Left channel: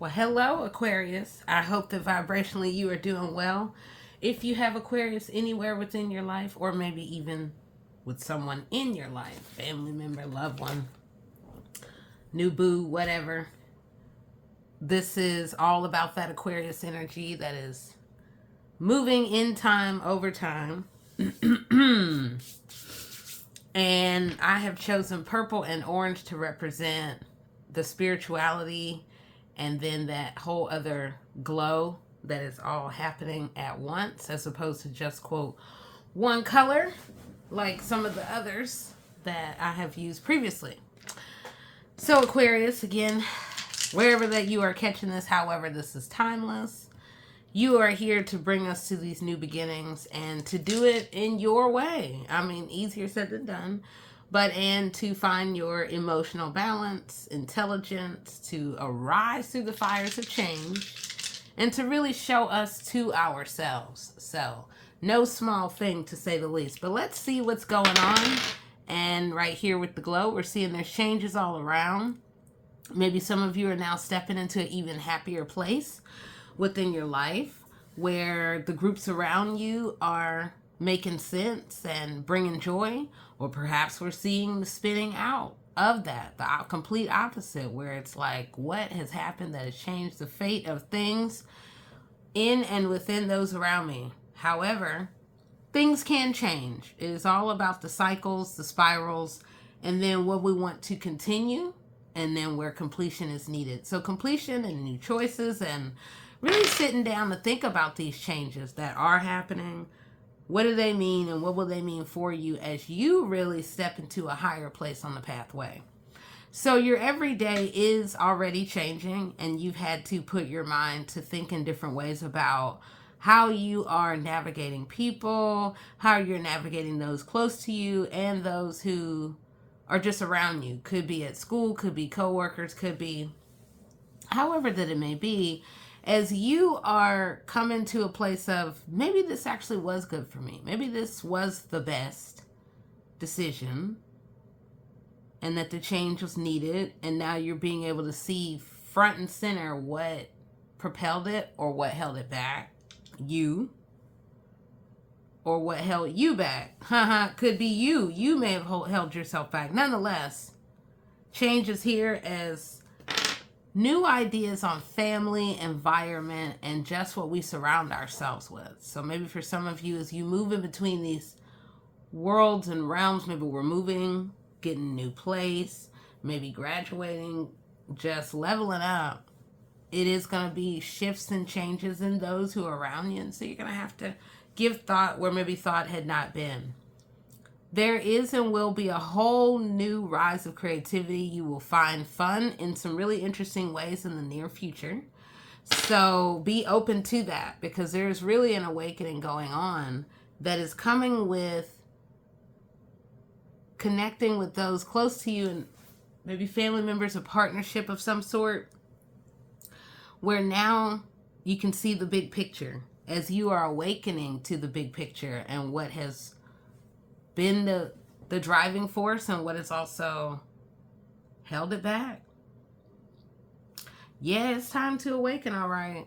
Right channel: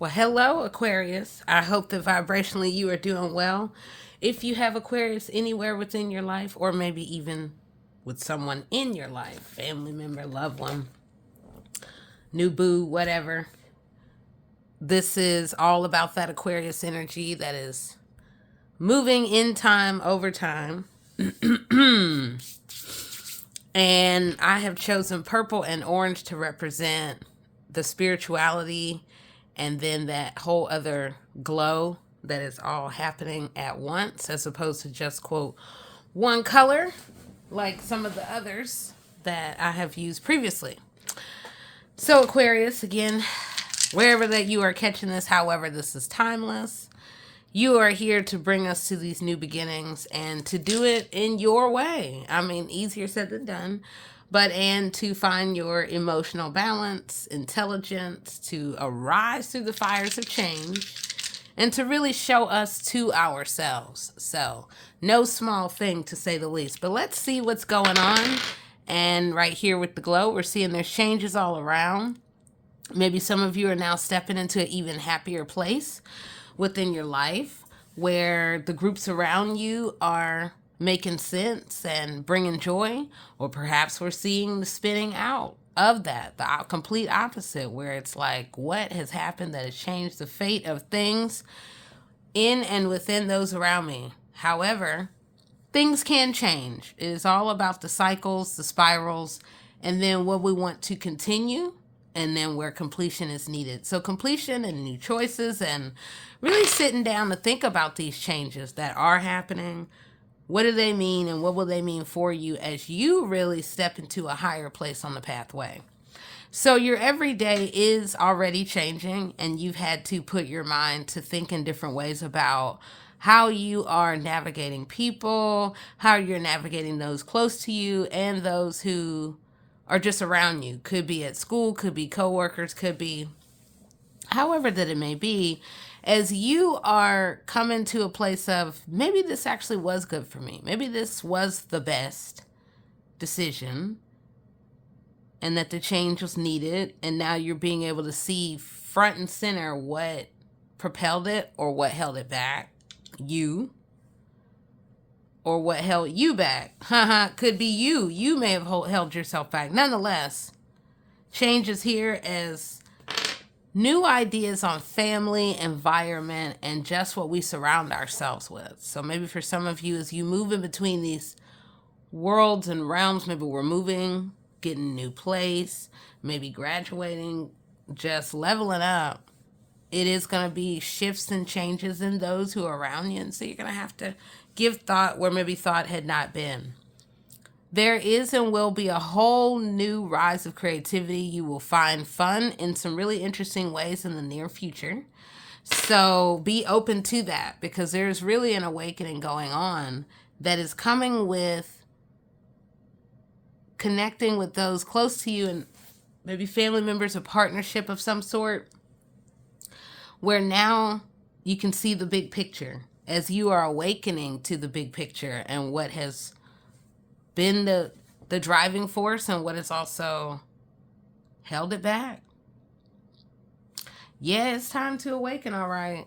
Well, hello, Aquarius. I hope that vibrationally you are doing well. If you have Aquarius anywhere within your life, or maybe even with someone in your life, family member, loved one, new boo, whatever, this is all about that Aquarius energy that is moving in time over time. And I have chosen purple and orange to represent the spirituality and then that whole other glow that is all happening at once as opposed to just quote one color like some of the others that I have used previously. So Aquarius, again, wherever that you are catching this, however, this is timeless. You are here to bring us to these new beginnings and to do it in your way. I mean, easier said than done, but and to find your emotional balance, intelligence, to arise through the fires of change, and to really show us to ourselves. So, no small thing to say the least. But let's see what's going on. And right here with the glow, we're seeing there's changes all around. Maybe some of you are now stepping into an even happier place within your life where the groups around you are making sense and bringing joy, or perhaps we're seeing the spinning out of that, the complete opposite, where it's like, what has happened that has changed the fate of things in and within those around me? However, things can change. It is all about the cycles, the spirals, and then what we want to continue, and then where completion is needed. So completion and new choices, and really sitting down to think about these changes that are happening. What do they mean, and what will they mean for you as you really step into a higher place on the pathway? So your everyday is already changing, and you've had to put your mind to think in different ways about how you are navigating people, how you're navigating those close to you and those who are just around you. Could be at school, could be coworkers, could be however that it may be, as you are coming to a place of maybe this actually was good for me. Maybe this was the best decision and that the change was needed. And now you're being able to see front and center what propelled it or what held it back. You. Or what held you back. Could be you. You may have held yourself back. Nonetheless, change is here as new ideas on family, environment, and just what we surround ourselves with. So maybe for some of you, as you move in between these worlds and realms, maybe we're moving, getting a new place, maybe graduating, just leveling up. It is going to be shifts and changes in those who are around you. And so you're going to have to give thought where maybe thought had not been. There is and will be a whole new rise of creativity. You will find fun in some really interesting ways in the near future. So be open to that, because there's really an awakening going on that is coming with connecting with those close to you and maybe family members, a partnership of some sort, where now you can see the big picture as you are awakening to the big picture and what has been the driving force and what has also held it back. Yeah, it's time to awaken, all right.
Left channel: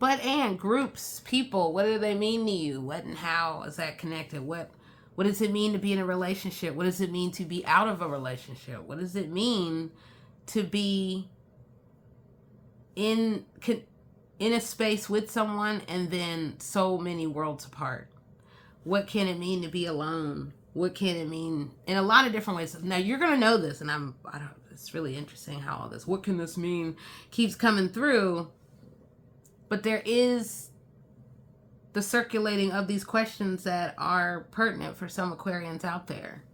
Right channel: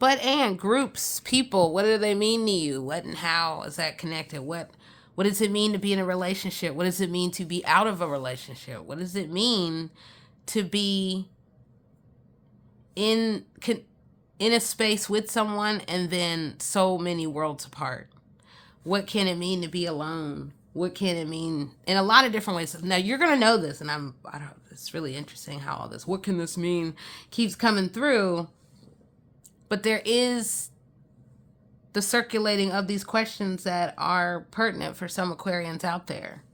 But and groups, people, what do they mean to you? What and how is that connected? What does it mean to be in a relationship? What does it mean to be out of a relationship? What does it mean to be in a space with someone and then so many worlds apart? What can it mean to be alone? What can it mean in a lot of different ways? Now you're gonna know this, and it's really interesting how all this "what can this mean" keeps coming through. But there is the circulating of these questions that are pertinent for some Aquarians out there.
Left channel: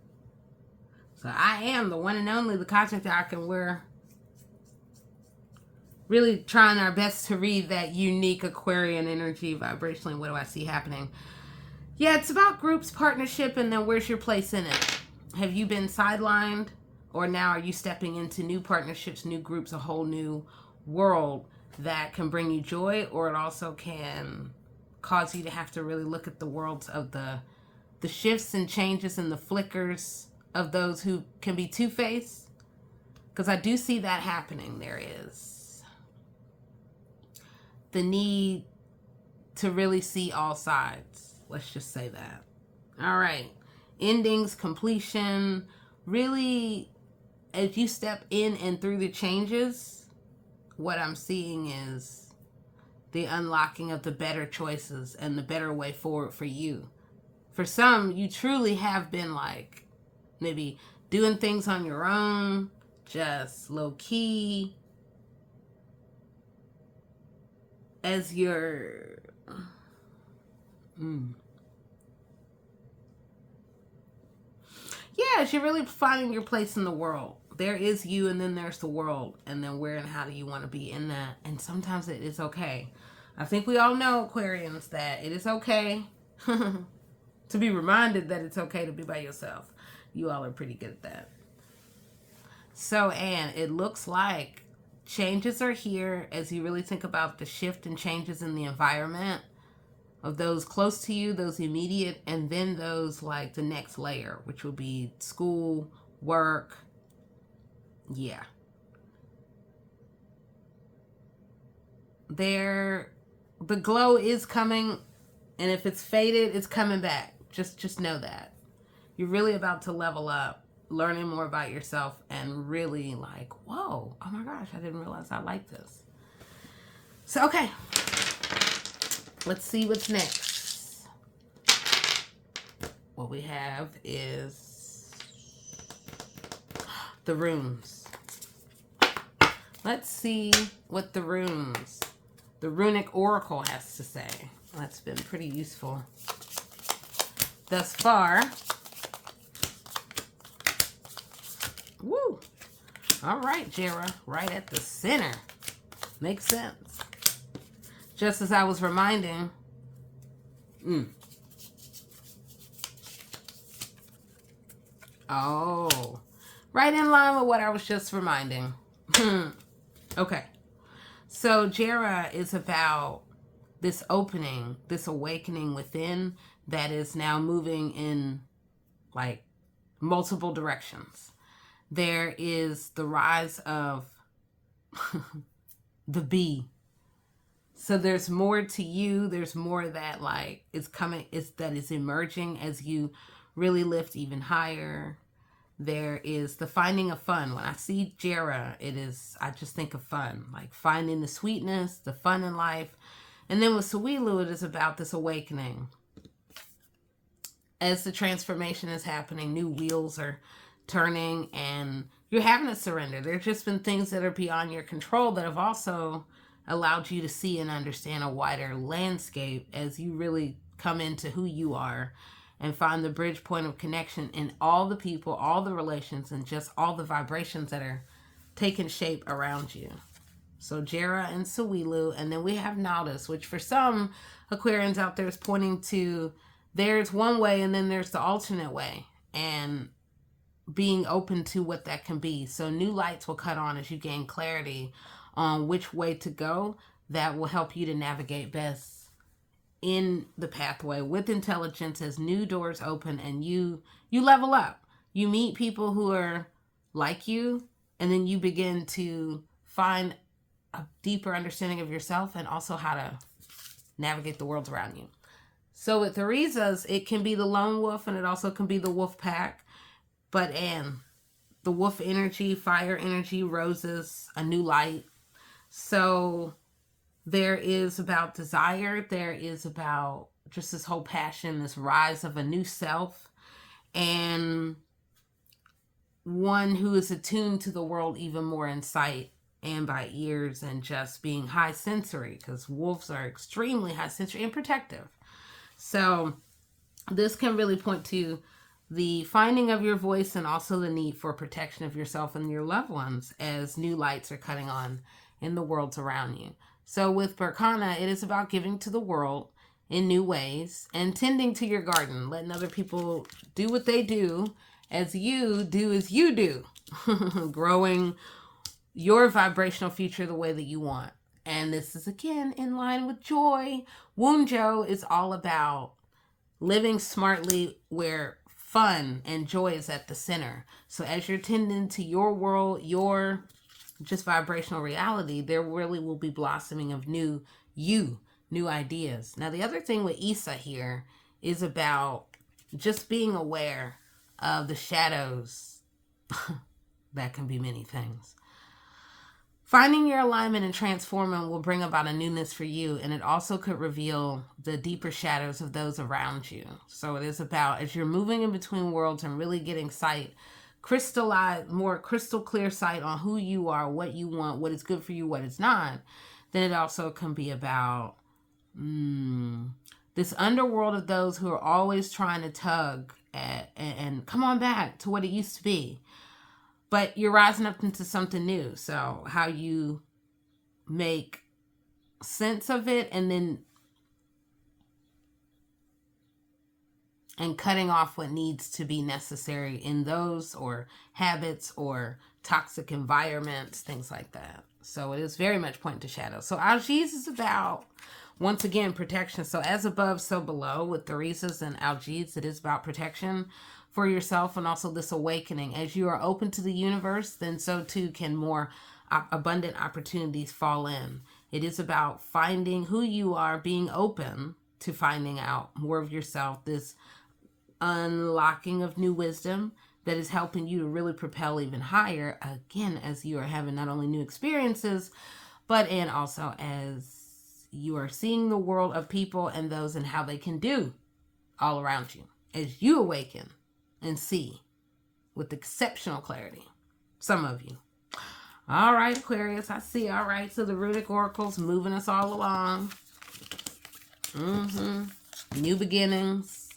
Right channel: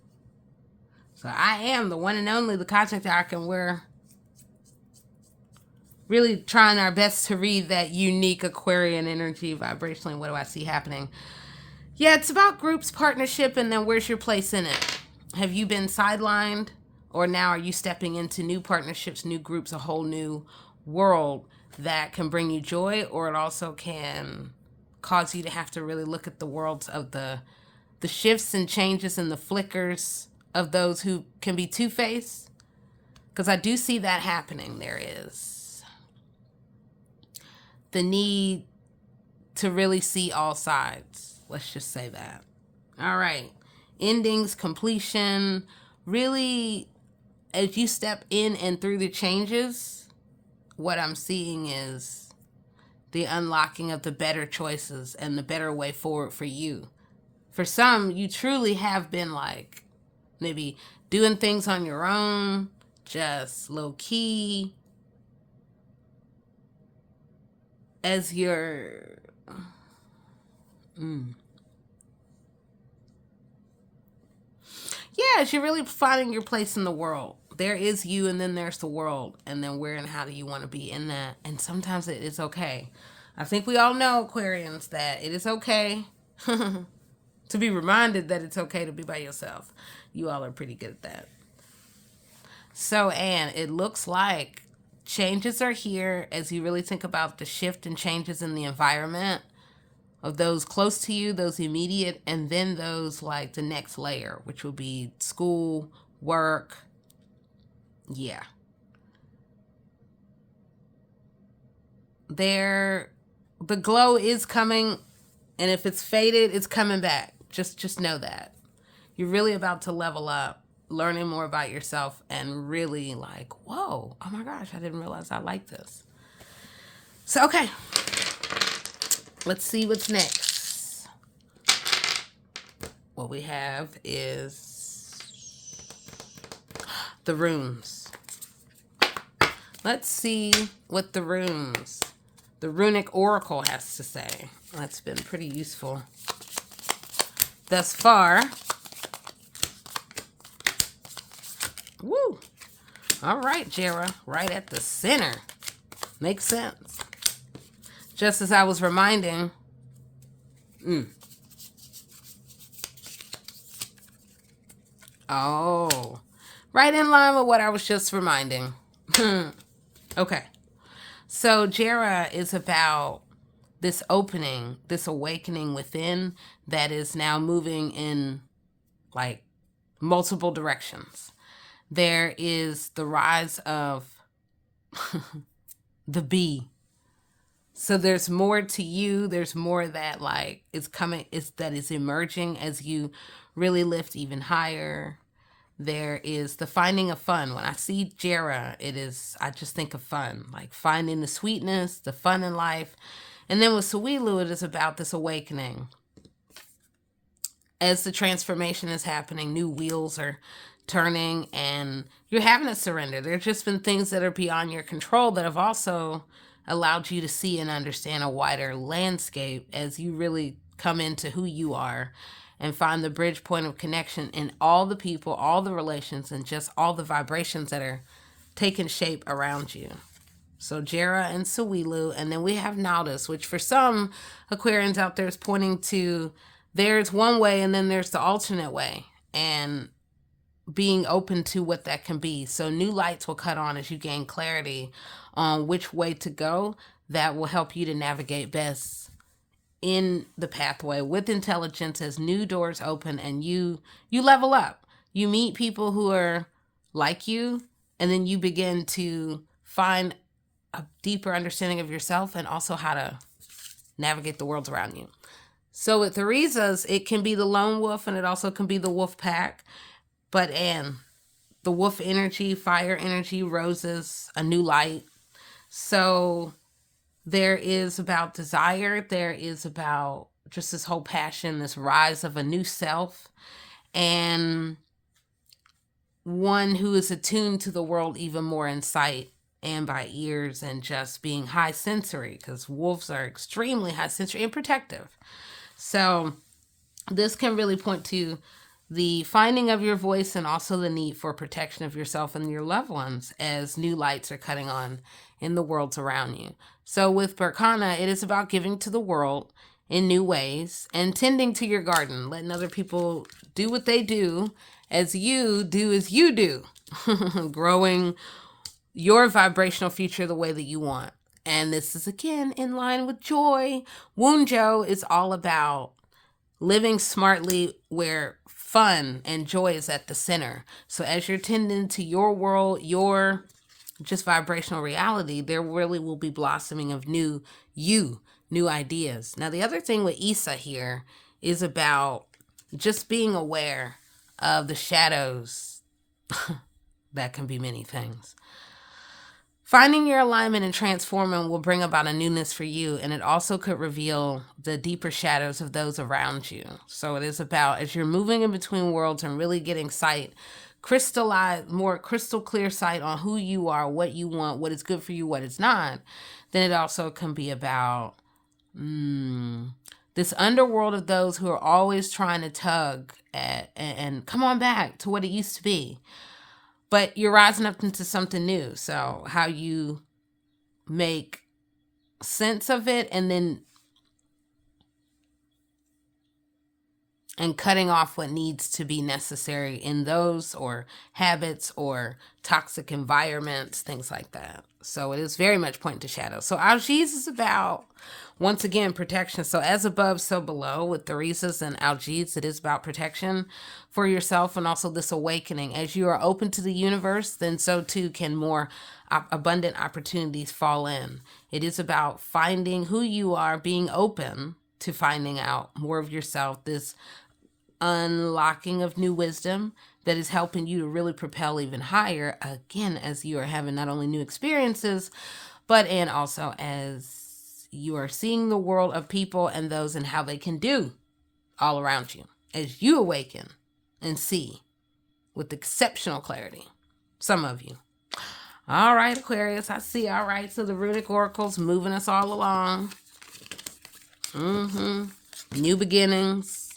So I am the one and only, the Cosmic Doc, and we're really trying our best to read that unique Aquarian energy vibrationally. What do I see happening? Yeah, it's about groups, partnership, and then where's your place in it? Have you been sidelined, or now are you stepping into new partnerships, new groups, a whole new world that can bring you joy, or it also can cause you to have to really look at the worlds of the shifts and changes and the flickers of those who can be two-faced? Because I do see that happening. There is. the need to really see all sides. Let's just say that. All right. Endings, completion. Really, as you step in and through the changes, what I'm seeing is the unlocking of the better choices and the better way forward for you. For some, you truly have been like maybe doing things on your own, just low key, as you're. Yeah, you're really finding your place in the world. There is you, and then there's the world, and then where and how do you want to be in that? And sometimes it is okay. I think we all know, Aquarians, that it is okay to be reminded that it's okay to be by yourself. You all are pretty good at that. So, Anne, it looks like changes are here as you really think about the shift and changes in the environment of those close to you, those immediate, and then those like the next layer, which will be school, work. Yeah. The glow is coming, and if it's faded, it's coming back. Just know that. You're really about to level up, learning more about yourself, and really like, whoa, oh my gosh, I didn't realize I like this. So, okay. Let's see what's next. What we have is the runes. Let's see what the runic oracle has to say. That's been pretty useful thus far. Woo! All right, Jera, right at the center. Makes sense. Just as I was reminding, oh, right in line with what I was just reminding. Okay. So Jera is about this opening, this awakening within that is now moving in like multiple directions. There is the rise of the bee. So there's more to you. There's more that like is coming, that is emerging as you really lift even higher. There is the finding of fun. When I see Jera, I just think of fun, like finding the sweetness, the fun in life. And then with Suwilu, it is about this awakening. As the transformation is happening, new wheels are turning and you're having to surrender. There's just been things that are beyond your control that have also allowed you to see and understand a wider landscape as you really come into who you are and find the bridge point of connection in all the people, all the relations, and just all the vibrations that are taking shape around you. So Jera and Suwilu, and then we have Naudus, which for some Aquarians out there is pointing to there's one way and then there's the alternate way, and being open to what that can be. So new lights will cut on as you gain clarity on which way to go. That will help you to navigate best in the pathway with intelligence as new doors open and you level up. You meet people who are like you, and then you begin to find a deeper understanding of yourself and also how to navigate the world around you. So with Theresa's, it can be the lone wolf and it also can be the wolf pack. But the wolf energy, fire energy, roses, a new light. So there is about desire. There is about just this whole passion, this rise of a new self, and one who is attuned to the world even more in sight and by ears and just being high sensory, because wolves are extremely high sensory and protective. So this can really point to the finding of your voice and also the need for protection of yourself and your loved ones as new lights are cutting on in the worlds around you. So with Berkana, it is about giving to the world in new ways and tending to your garden, letting other people do what they do as you do, growing your vibrational future the way that you want. And this is again in line with joy. Wunjo is all about living smartly where fun and joy is at the center. So as you're tending to your world, your just vibrational reality, there really will be blossoming of new ideas. Now, the other thing with Issa here is about just being aware of the shadows. That can be many things. Finding your alignment and transforming will bring about a newness for you, and it also could reveal the deeper shadows of those around you. So it is about, as you're moving in between worlds and really getting sight, more crystal clear sight on who you are, what you want, what is good for you, what is not, then it also can be about this underworld of those who are always trying to tug at and come on back to what it used to be. But you're rising up into something new. So how you make sense of it and cutting off what needs to be necessary in those, or habits or toxic environments, things like that. So it is very much pointing to shadows. So Algiz is about, once again, protection. So as above, so below with Theresa's and Algiz, it is about protection for yourself and also this awakening. As you are open to the universe, then so too can more abundant opportunities fall in. It is about finding who you are, being open to finding out more of yourself, this unlocking of new wisdom that is helping you to really propel even higher, again, as you are having not only new experiences, but and also as you are seeing the world of people and those and how they can do all around you as you awaken and see with exceptional clarity. Some of you. All right, Aquarius, I see. All right, so the Runic Oracle's moving us all along. New beginnings.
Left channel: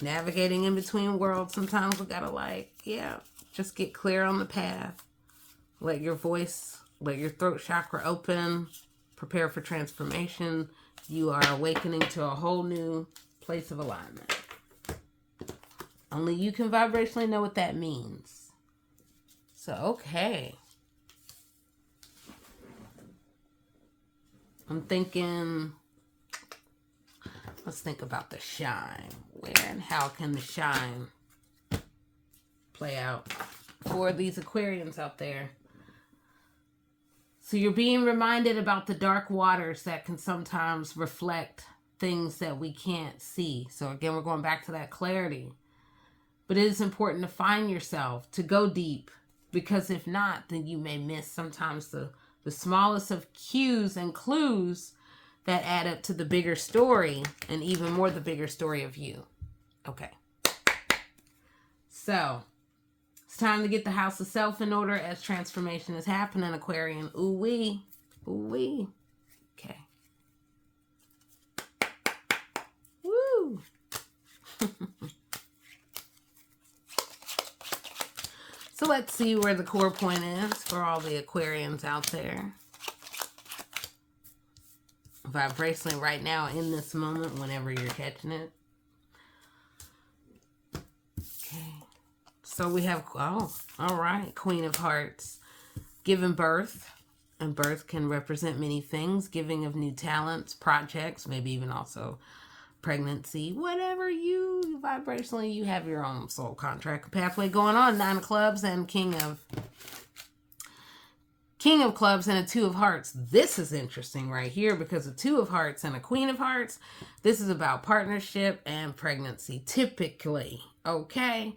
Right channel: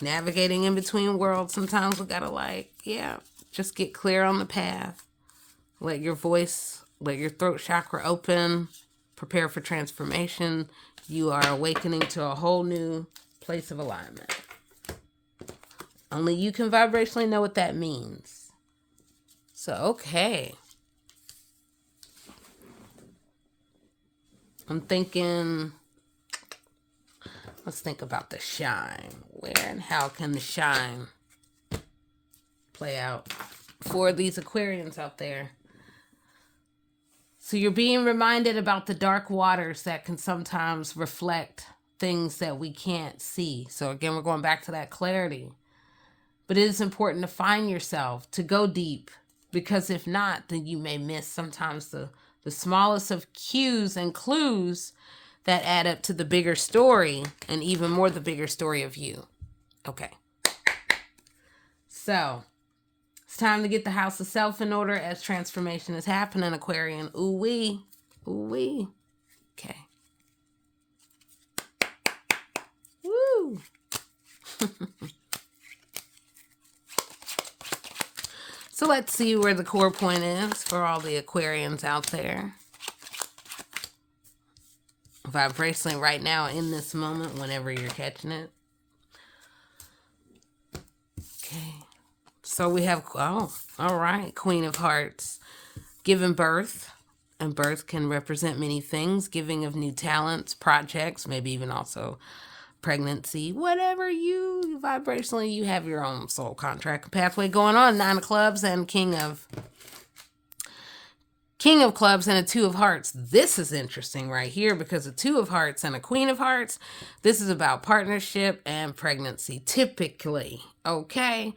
Navigating in between worlds. Sometimes we gotta just get clear on the path. Let your voice, let your throat chakra open. Prepare for transformation. You are awakening to a whole new place of alignment. Only you can vibrationally know what that means. So, okay. I'm thinking, let's think about the shine. Where and how can the shine play out for these Aquarians out there? So you're being reminded about the dark waters that can sometimes reflect things that we can't see. So again, we're going back to that clarity. But it is important to find yourself, to go deep, because if not, then you may miss sometimes the smallest of cues and clues that add up to the bigger story, and even more the bigger story of you. Okay. So it's time to get the house of self in order as transformation is happening, Aquarian. Ooh-wee. Ooh-wee. Okay. Woo. So let's see where the core point is for all the Aquarians out there. Vibrationally right now in this moment, whenever you're catching it. Okay. So we have, all right, Queen of Hearts, giving birth. And birth can represent many things. Giving of new talents, projects, maybe even also pregnancy. Whatever you vibrationally, you have your own soul contract pathway going on. 9 of Clubs and King of Clubs and a 2 of Hearts. This is interesting right here because a 2 of Hearts and a Queen of Hearts. This is about partnership and pregnancy, typically. Okay.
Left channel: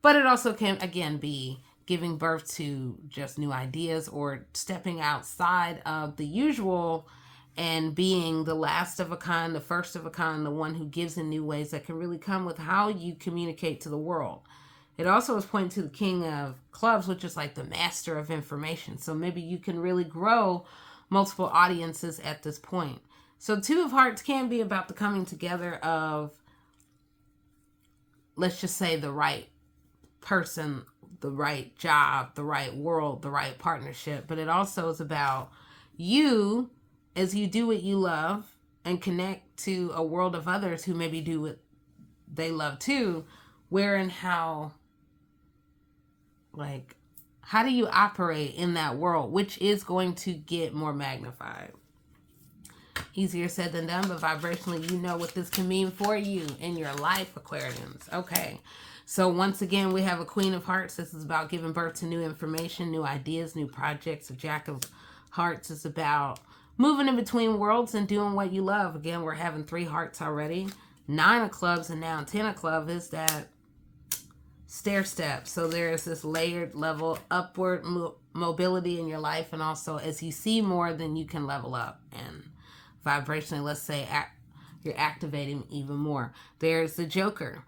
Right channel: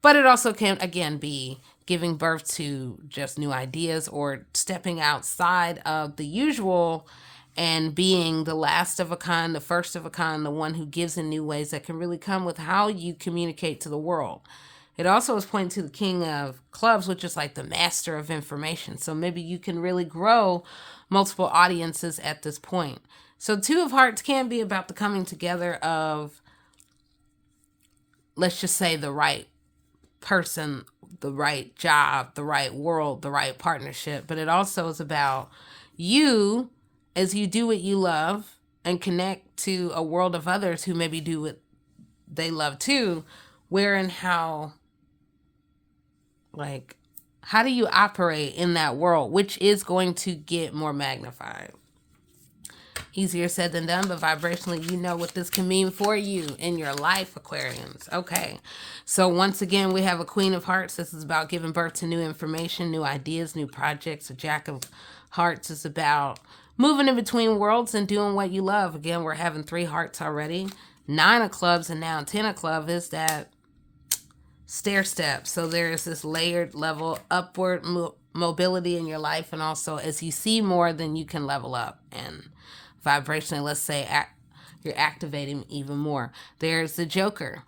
But it also can, again, be giving birth to just new ideas or stepping outside of the usual and being the last of a kind, the first of a kind, the one who gives in new ways that can really come with how you communicate to the world. It also is pointing to the King of Clubs, which is like the master of information. So maybe you can really grow multiple audiences at this point. So 2 of Hearts can be about the coming together of, let's just say, the right person, the right job, the right world, the right partnership. But it also is about you as you do what you love and connect to a world of others who maybe do what they love too. Where and how, how do you operate in that world, which is going to get more magnified? Easier said than done, but vibrationally, you know what this can mean for you in your life, Aquarians. Okay. So once again, we have a Queen of Hearts. This is about giving birth to new information, new ideas, new projects. A Jack of Hearts is about moving in between worlds and doing what you love. Again, we're having 3 hearts already. 9 of clubs and now 10 of clubs is that stair step. So there is this layered level upward mobility in your life, and also as you see more, then you can level up, and vibrationally, let's say you're activating even more. There's the Joker,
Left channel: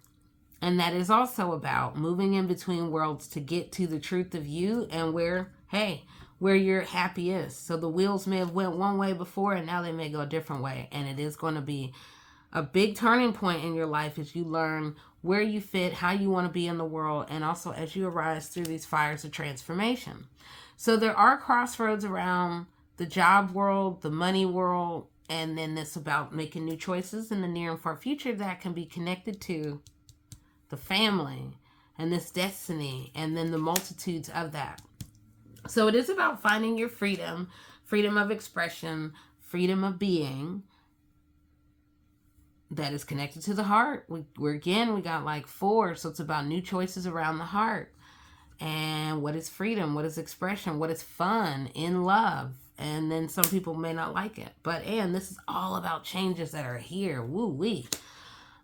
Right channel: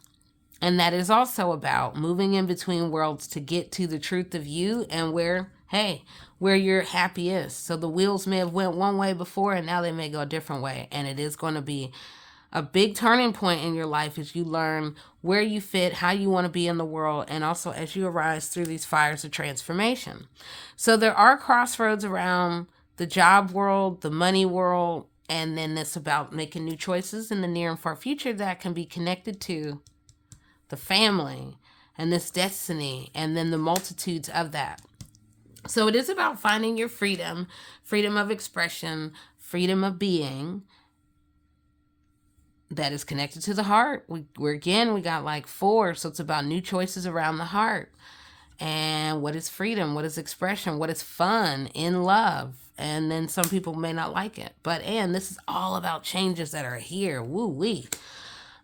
and that is also about moving in between worlds to get to the truth of you and where your happy is. So the wheels may have went one way before, and now they may go a different way, and it is going to be a big turning point in your life as you learn where you fit, how you want to be in the world, and also as you arise through these fires of transformation. So there are crossroads around the job world, the money world, and then it's about making new choices in the near and far future that can be connected to the family and this destiny, and then the multitudes of that. So it is about finding your freedom, freedom of expression, freedom of being, that is connected to the heart. We got like 4, so it's about new choices around the heart. And what is freedom? What is expression? What is fun in love? And then some people may not like it. And this is all about changes that are here. Woo-wee.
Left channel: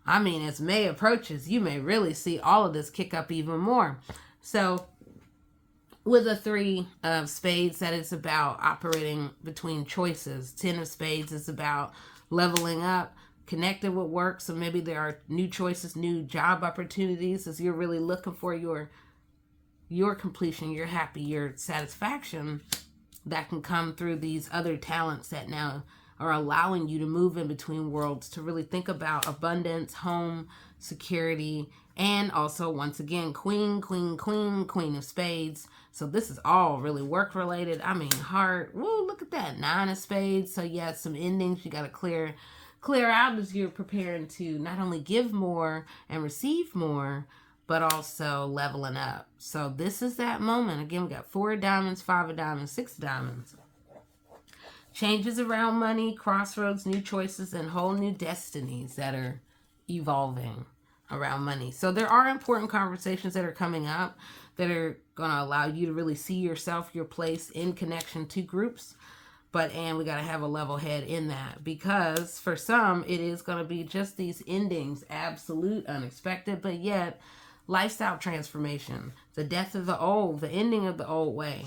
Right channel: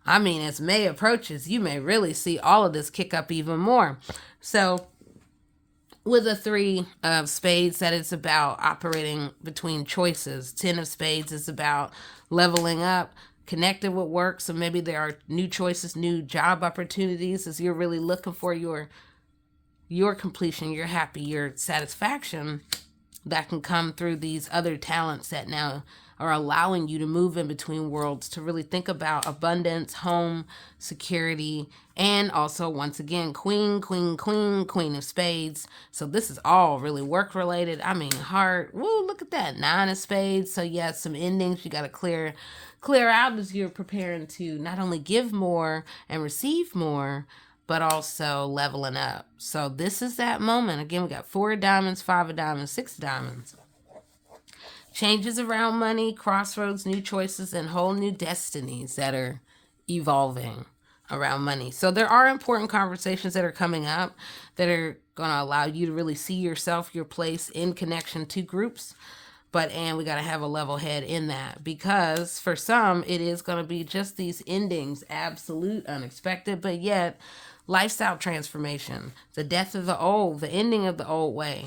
I mean, as May approaches, you may really see all of this kick up even more. So with a 3 of spades, that is about operating between choices. 10 of spades is about leveling up, connected with work. So maybe there are new choices, new job opportunities as you're really looking for your completion, your happy, your satisfaction that can come through these other talents that now are allowing you to move in between worlds, to really think about abundance, home, security, and also, once again, Queen of Spades. So this is all really work related. I mean, heart. Woo, look at that. 9 of Spades. So yeah, some endings you got to clear out as you're preparing to not only give more and receive more, but also leveling up. So this is that moment. Again, we got 4 of diamonds, 5 of diamonds, 6 of diamonds. Changes around money, crossroads, new choices, and whole new destinies that are evolving around money. So there are important conversations that are coming up that are going to allow you to really see yourself, your place in connection to groups. And we got to have a level head in that, because for some, it is going to be just these endings, absolute, unexpected, but yet lifestyle transformation, the death of the old, the ending of the old way.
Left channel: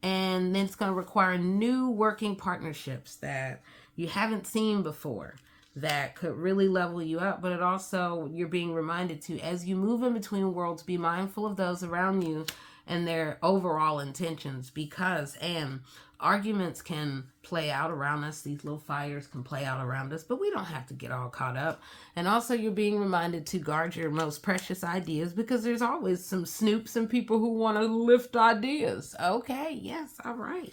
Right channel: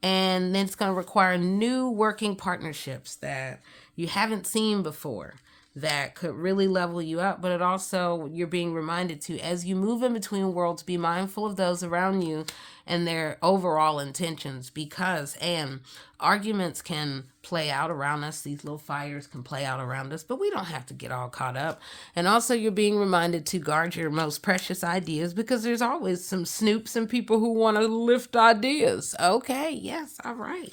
And then it's going to require new working partnerships that you haven't seen before that could really level you up. But it also, you're being reminded to, as you move in between worlds, be mindful of those around you and their overall intentions, because arguments can play out around us. These little fires can play out around us, but we don't have to get all caught up. And also, you're being reminded to guard your most precious ideas, because there's always some snoops and people who want to lift ideas. Okay, yes, all right.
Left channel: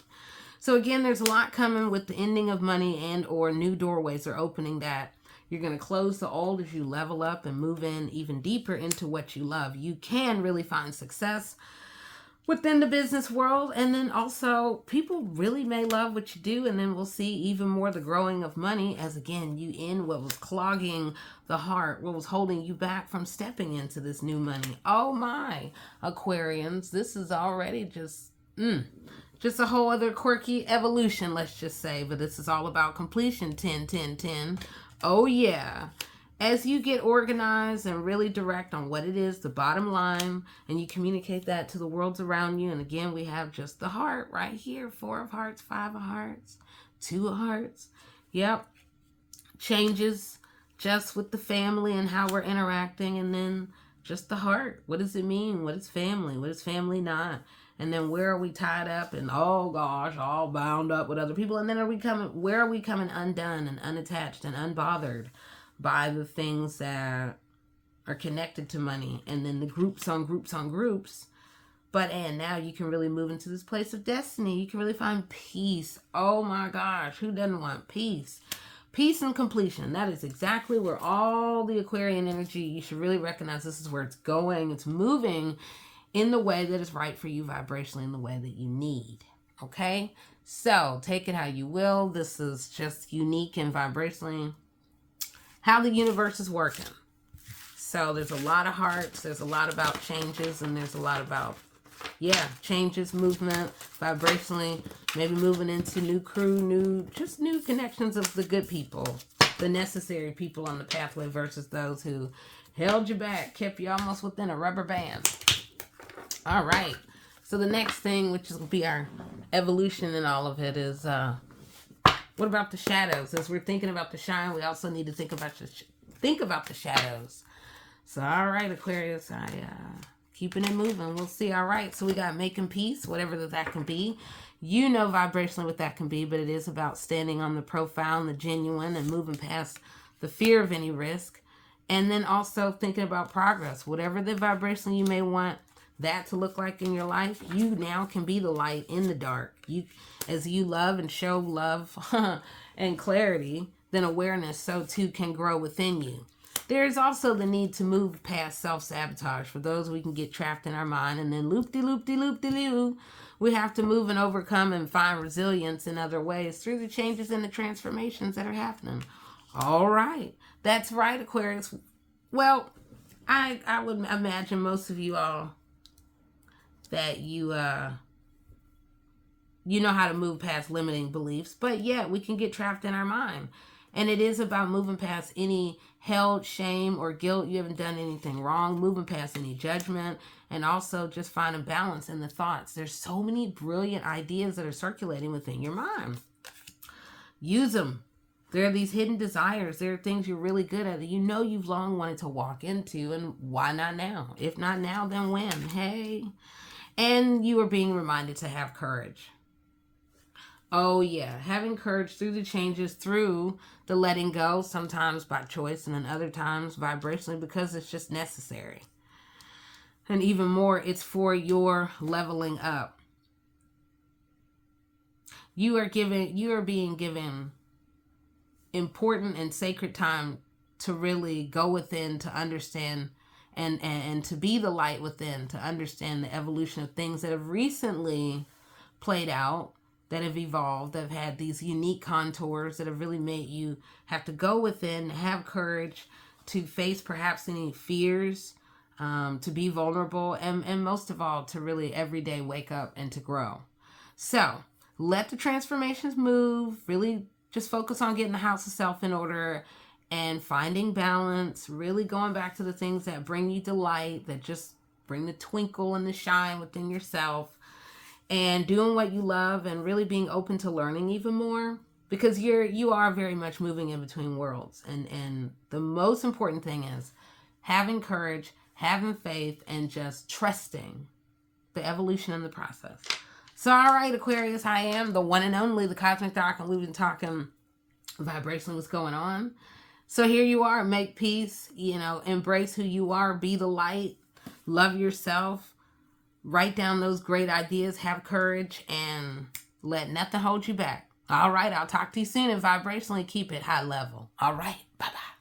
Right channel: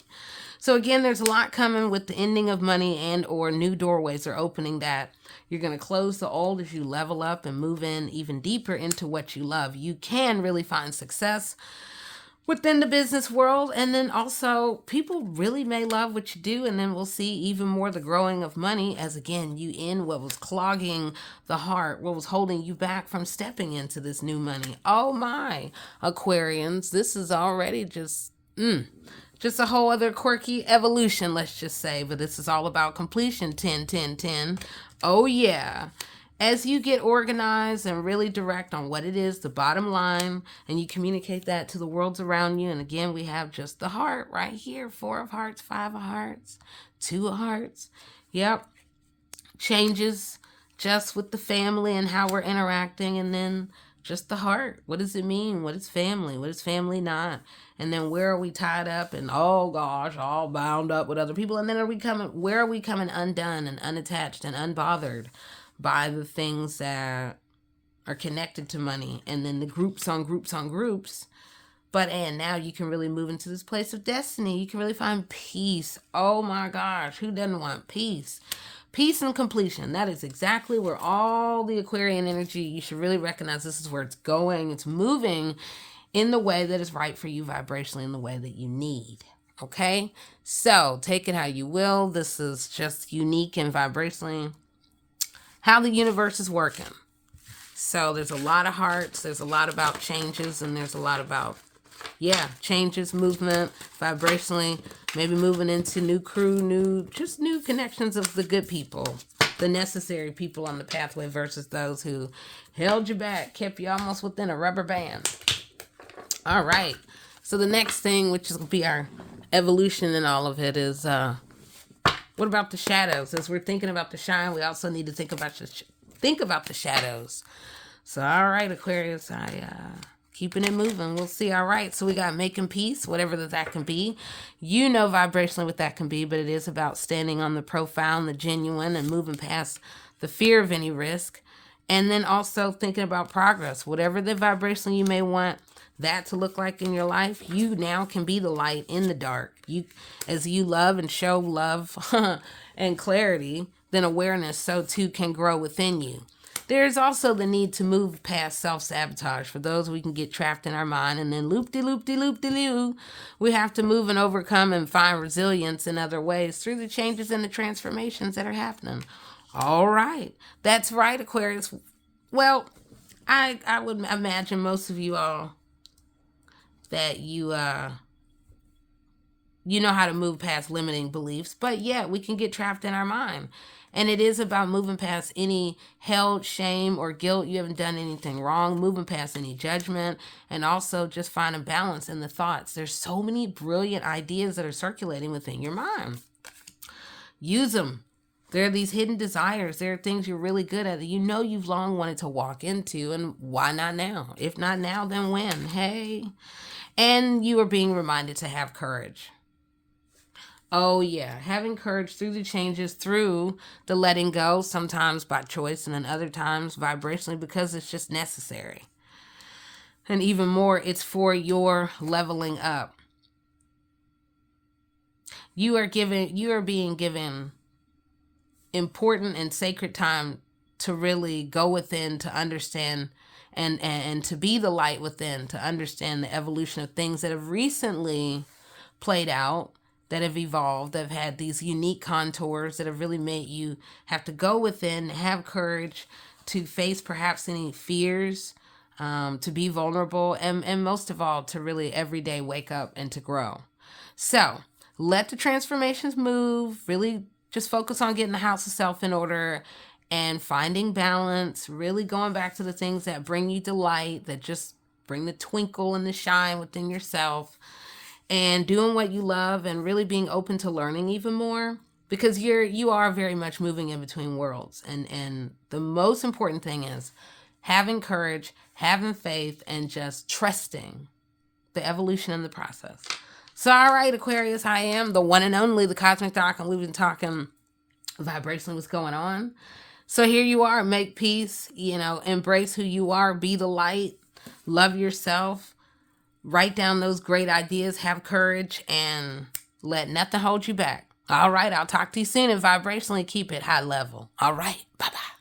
So again, there's a lot coming with the ending of money, and or new doorways are opening that you're going to close the old as you level up and move in even deeper into what you love. You can really find success within the business world, and then also people really may love what you do, and then we'll see even more the growing of money as, again, you end what was clogging the heart, what was holding you back from stepping into this new money. Oh my, Aquarians, this is already just a whole other quirky evolution, let's just say. But this is all about completion. 10, 10, 10. Oh yeah. As you get organized and really direct on what it is, the bottom line, and you communicate that to the worlds around you. And again, we have just the heart right here. 4 of hearts, 5 of hearts, 2 of hearts. Yep. Changes just with the family and how we're interacting. And then just the heart. What does it mean? What is family? What is family not? And then where are we tied up and, oh gosh, all bound up with other people? And then where are we coming undone and unattached and unbothered by the things that are connected to money? And then the groups on groups on groups. And now you can really move into this place of destiny. You can really find peace. Oh my gosh, who doesn't want peace? Peace and completion. That is exactly where all the Aquarian energy, you should really recognize this is where it's going. It's moving in the way that is right for you vibrationally, in the way that you need. Okay? So take it how you will. This is just unique and vibrationally how the universe is working. So there's a lot of hearts, there's a lot about changes, and there's a lot about, changes, movement, vibrationally, maybe moving into new crew, new connections of the good people, the necessary people on the pathway versus those who held you back, kept you almost within a rubber band. All right. So the next thing, which is going to be our evolution in all of it, is what about the shadows? As we're thinking about the shine, we also need to think about the shadows. So, all right, Aquarius, keeping it moving. We'll see. All right. So we got making peace, whatever that can be. You know vibrationally what that can be, but it is about standing on the profound, the genuine, and moving past the fear of any risk. And then also thinking about progress. Whatever the vibration you may want that to look like in your life, you now can be the light in the dark. As you love and show love and clarity, then awareness so too can grow within you. There's also the need to move past self-sabotage. For those we can get trapped in our mind and then loop-de-loop-de-loop-de-loo. We have to move and overcome and find resilience in other ways through the changes and the transformations that are happening. All right. That's right, Aquarius. Well, I would imagine most of you all that you know how to move past limiting beliefs, but yeah, we can get trapped in our mind. And it is about moving past any held shame or guilt. You haven't done anything wrong, moving past any judgment, and also just finding balance in the thoughts. There's so many brilliant ideas that are circulating within your mind. Use them. There are these hidden desires. There are things you're really good at that you know you've long wanted to walk into, and why not now? If not now, then when? Hey. And you are being reminded to have courage. Oh, yeah. Having courage through the changes, through the letting go, sometimes by choice, and then other times vibrationally because it's just necessary. And even more, it's for your leveling up. You are being given important and sacred time to really go within, to understand and to be the light within, to understand the evolution of things that have recently played out, that have evolved, that have had these unique contours that have really made you have to go within, have courage to face perhaps any fears, to be vulnerable, and most of all, to really every day wake up and to grow. So let the transformations move, really just focus on getting the house of self in order and finding balance, really going back to the things that bring you delight, that just bring the twinkle and the shine within yourself, and doing what you love and really being open to learning even more, because you are very much moving in between worlds. And the most important thing is having courage, having faith, and just trusting the evolution in the process. So, all right, Aquarius, I am the one and only, the Cosmic Doc, and we've been talking vibrationally what's going on. So here you are, make peace, embrace who you are, be the light, love yourself, write down those great ideas, have courage, and let nothing hold you back. All right, I'll talk to you soon, and vibrationally keep it high level. All right, bye-bye.